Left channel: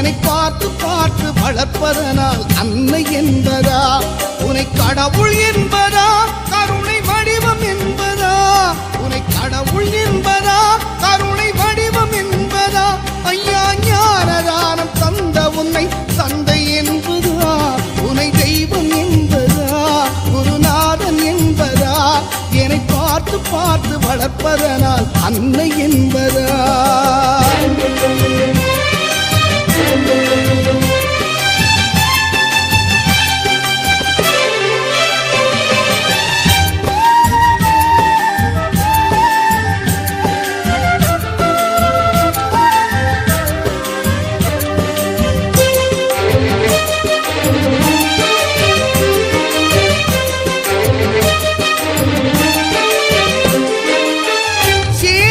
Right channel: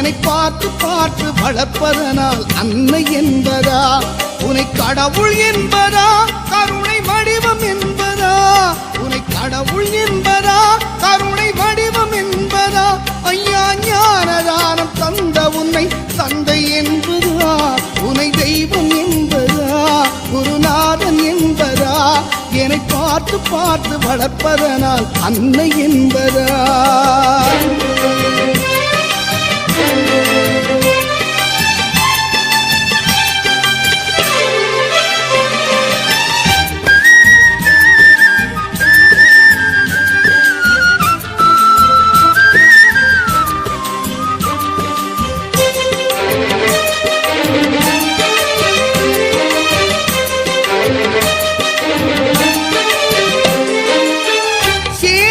என்னை பார்த்து பார்த்து வளர்ப்பதனால் அன்னை என்பதா? உனை கடவுள் என்பதா? கருணை வடிவம் என்பதா? உனை கடவுள் என்பதா? கருணை வடிவம் என்பதா? ஐயா ஞானதானம் தந்த உன்னை தந்தை என்பதா? உனை தெய்வம் என்பதா? குருநாதன் என்பதா? என்னை பார்த்து பார்த்து வளர்ப்பதனால் அன்னை என்பதா?